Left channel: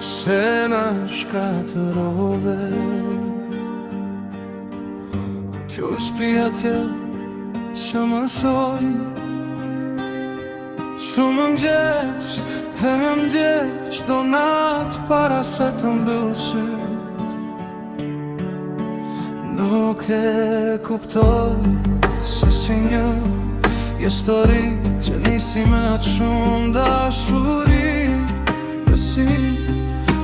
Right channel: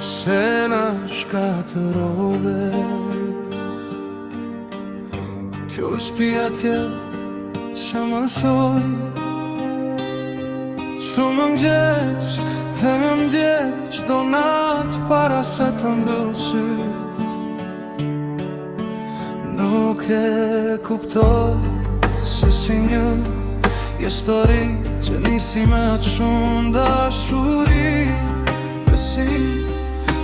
Pse na shkatërove Kjo shpia tjellë që më thoj Shumë mëngjes dhe më ndjek Qdo natë para se të mbyll syt Nuk e kuptoj se si një histori që nisi me atë shumë dashuri Besim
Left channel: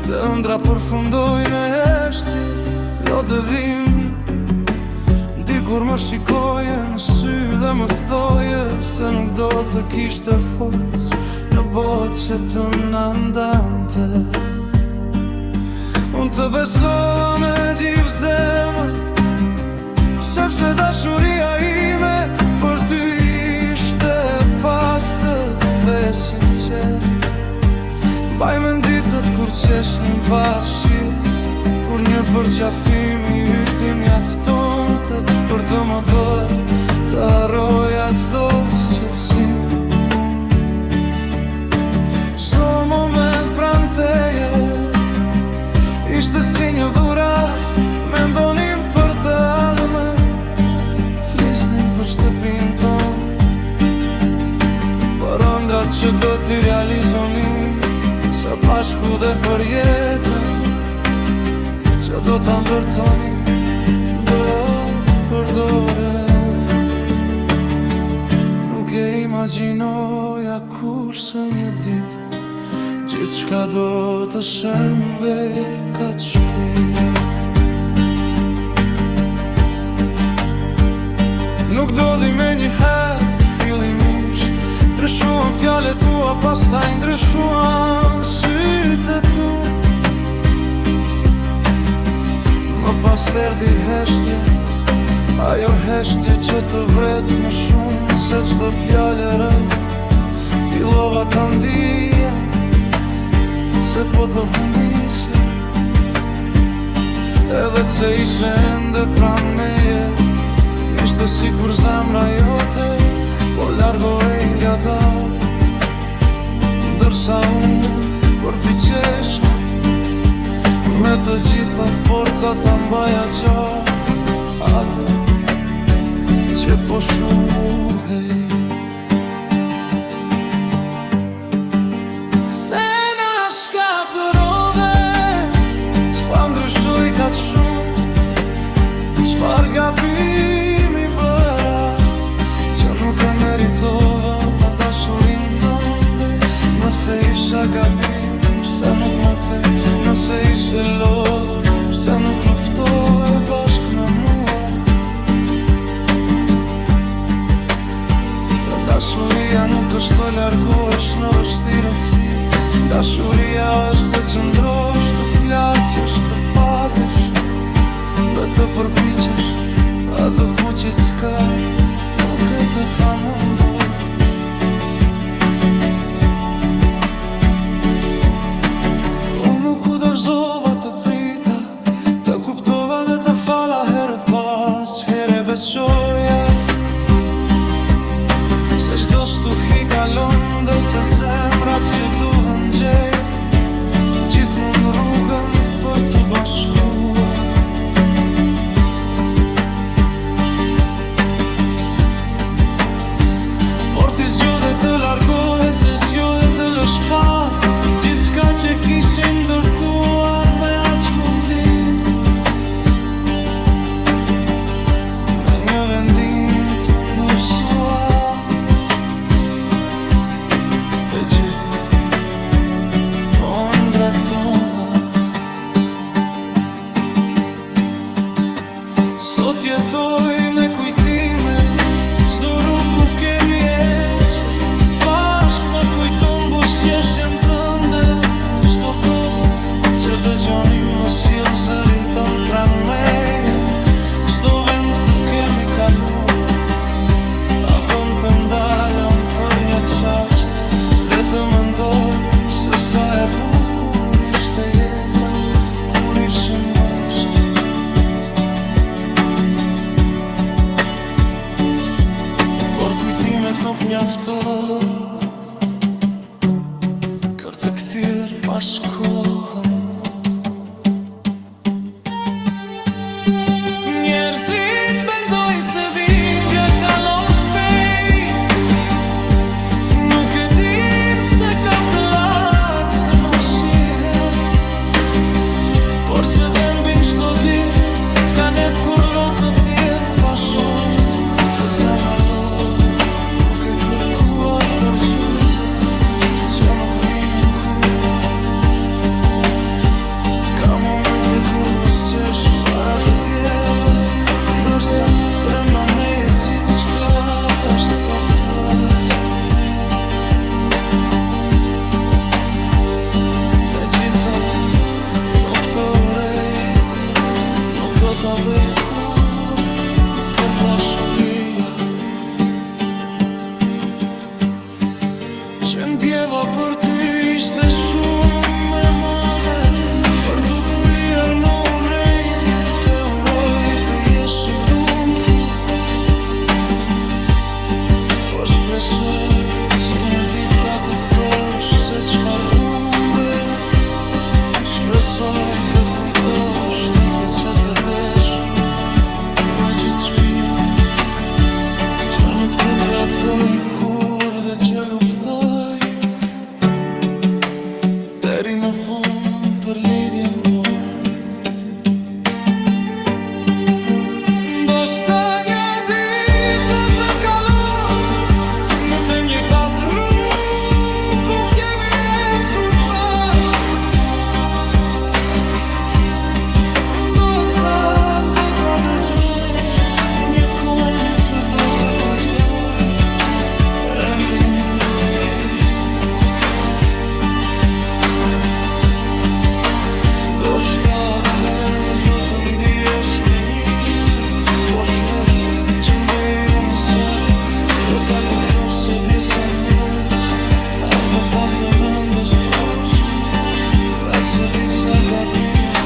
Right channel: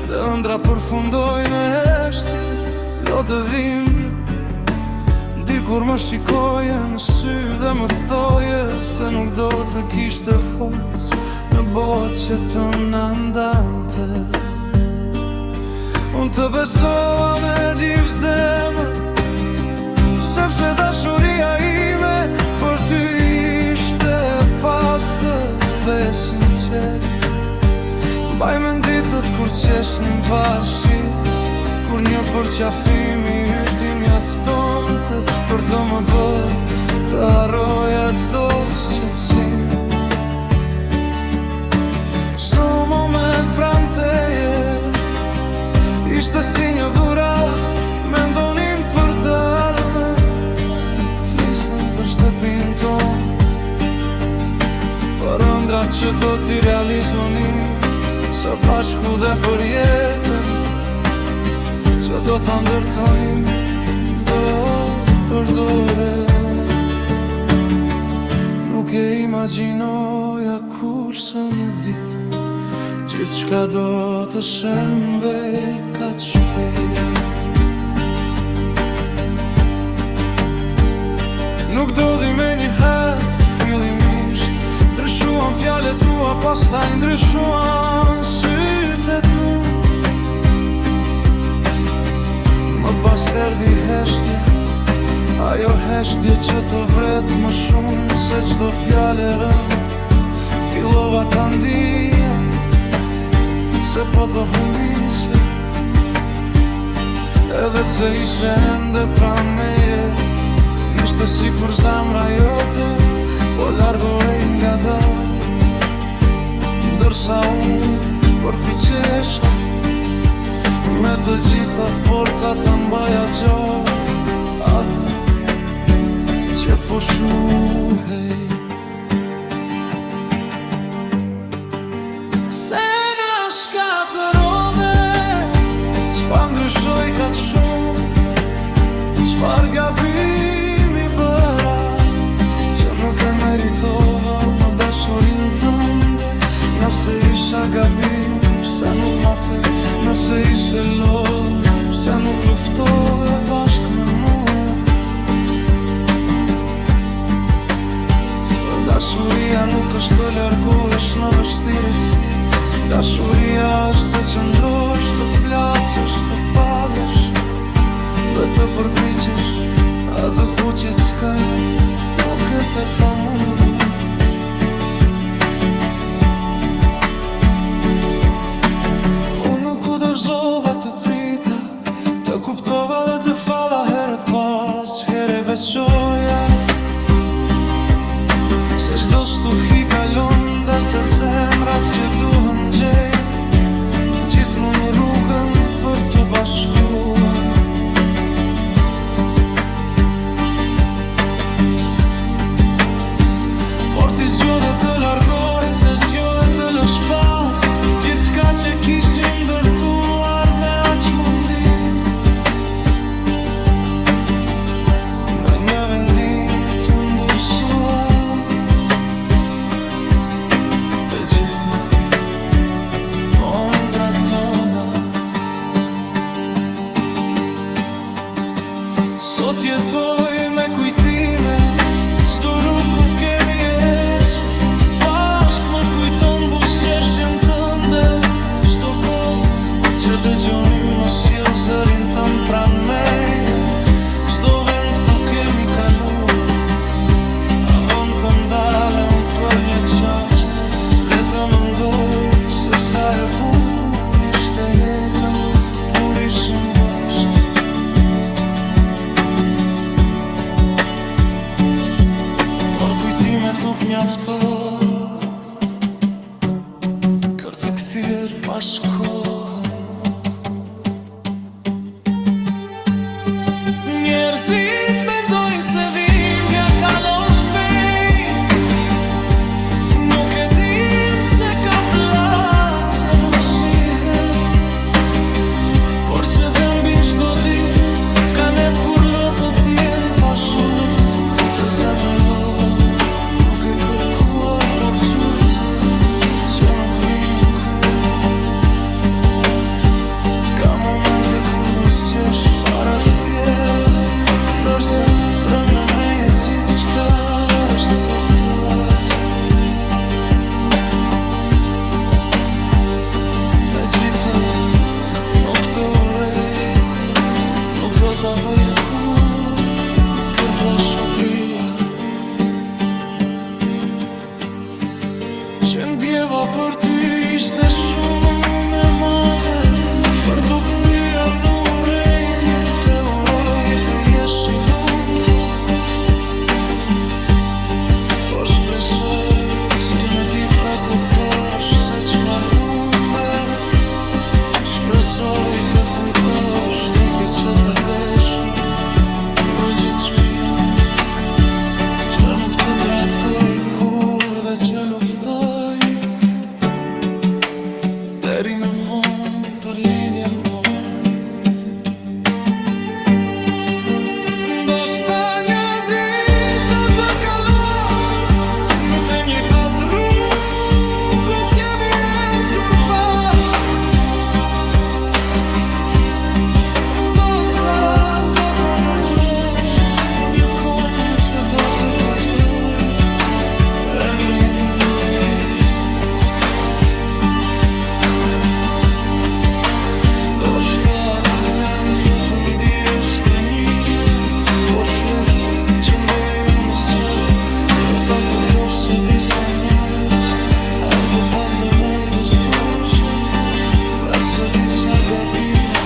dhe ëndra përfundoj në heshtje Lotë dhimbje Dikur më shikoje në sy dhe më thoje Se nuk do të kishte forcë në botë që të na ndante Unë të besova me gjithë zemër Sepse dashuria ime për ty ishte pastër dhe sinqer Baj me ditët kur qeshnim parshi Kur një përqafimi yti mjaftonte Për të më bërë të harroja çdo shqetësim Çdo moment pranë teje Ishte si një dhurat Mendonim për të ardhmen Flisnim për shtëpinë tonë Për ëndrat që do t'i realizonim Së bashku dhe për jetën Që do t'a ndërtonim Do për dore Nuk e imagjinoja kurse një dit Gjithë shka do të shembej kaq shpejt Nuk do di me një herë fillimisht Ndryshuan fjallet tua, pastaj ndryshuan sytë tu Më pas erdi heshtja Ajo heshtje që të vret më shumë se çdo fjalë e rënd Fillova ta ndija Se po të humbisja Edhe që ishe ende pranë meje Nishte si kur zamra jote Po largohej nga dal Ndërsa unë përpiqesha Me të gjitha forca ta mbaja gjallë Atë që po shuhej Se na shkatërove Çfarë ndryshoj kaq shumë Çfarë gabimi bëra Që nuk e meritova Më dashurin tënde Nëse isha gabim Pse nuk ma the Nëse ishe lodhur Pse nuk luftove bashk me mua Dashuria nuk është të largohesh në vështirësi Dashuria është të qëndrosh, të flasësh, të falësh Dhe të përpiqesh, atë buqe qka nuk e të pamundur Unë nuk u dorëzova të prita Të kuptova dhe të fala herë pas Here besoja Se çdo stuhi kalon dhe se zemrat që duhen gjej Gjithmonë rrugën për të bashkuar Por ti zgjodhe të largohe se zgjodhe të lësh pas Gjithë qka që kishim ndërtuar me aq mundi Me një vendim të ndursuar Të gjithë ondrat tona Sot jetoj me kujtime Çdo rrugë ku kemi eqe Bashk më kujton buzëqeshjen tënde Çdo kohë që dëgjonim më sjell zërin tënd pranë meje Çdo vend ku kemi kaluar A bën të ndalem për një qasht Dhe të mendoj se sa e bukur ishte jeta Kur ishim bashkë Por kujtimet nuk mjaftoj Kërë të kthyer pas kohën. Njerëzit mendojnë se dhimbja kalon shpejt, nuk e din se ka plak që nuk shihen, por që dhe mbin çdo dit ka net kur lotët jem pa shumë. Dhe zemra lodhet duke kërkuar por gjurëtë që nuk vinë kur. Ka momente kur bosqesh para të tjerve, ndërsa brenda meje gjithçka është coptuar. Megjithatë nuk të urej, nuk do t'a bëj kur kër pashuria që ndjeva për ty ishte shumë e madhe, për t'u kthyer në urrejtje, te uroj të jesh i lumtur. Por shpresoj që një ditë ta kuptosh se çfarë humbe. Shpresoj të kujtosh ti ke që të deshur me gjithë shpirt, që nuk të tradhtoj kur dhe që luftoj deri në fund për lidhjen tonë. Ndoshta një ditë do të kalos në të njëjtat rrugë ku kemi ecur bashkë. Ndoshta do ta dëgjosh një këngë që do të kujtoj emrin ti. Ndoshta atëherë do të ndihesh të njëjtën, por shlet që ndeju në sot do ta kuptosh se disa njerëz janë të pasdëvendësueshëm dhe se disa gabime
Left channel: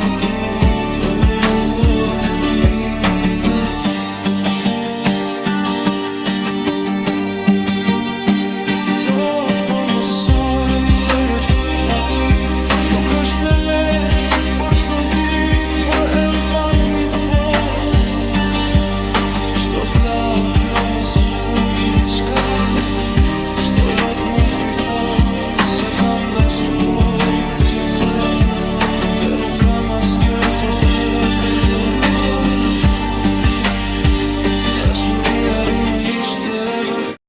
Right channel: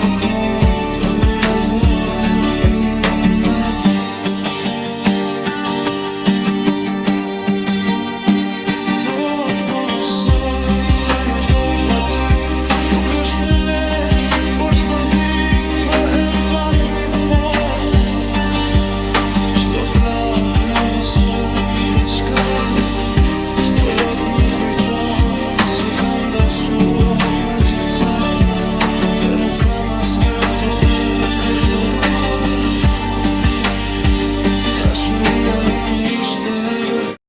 nuk mund të rregullohen. Sot po mësoj të jetoj pa ty, nuk është e lehtë, por çdo ditë bëhem pak mi fort. Çdo plak më mëson diçka, çdo lot më kujton se kam dashuruar me gjithë zemër dhe nuk kam asgjë për të kërkuar. Dashuria ime ishte e vërtetë.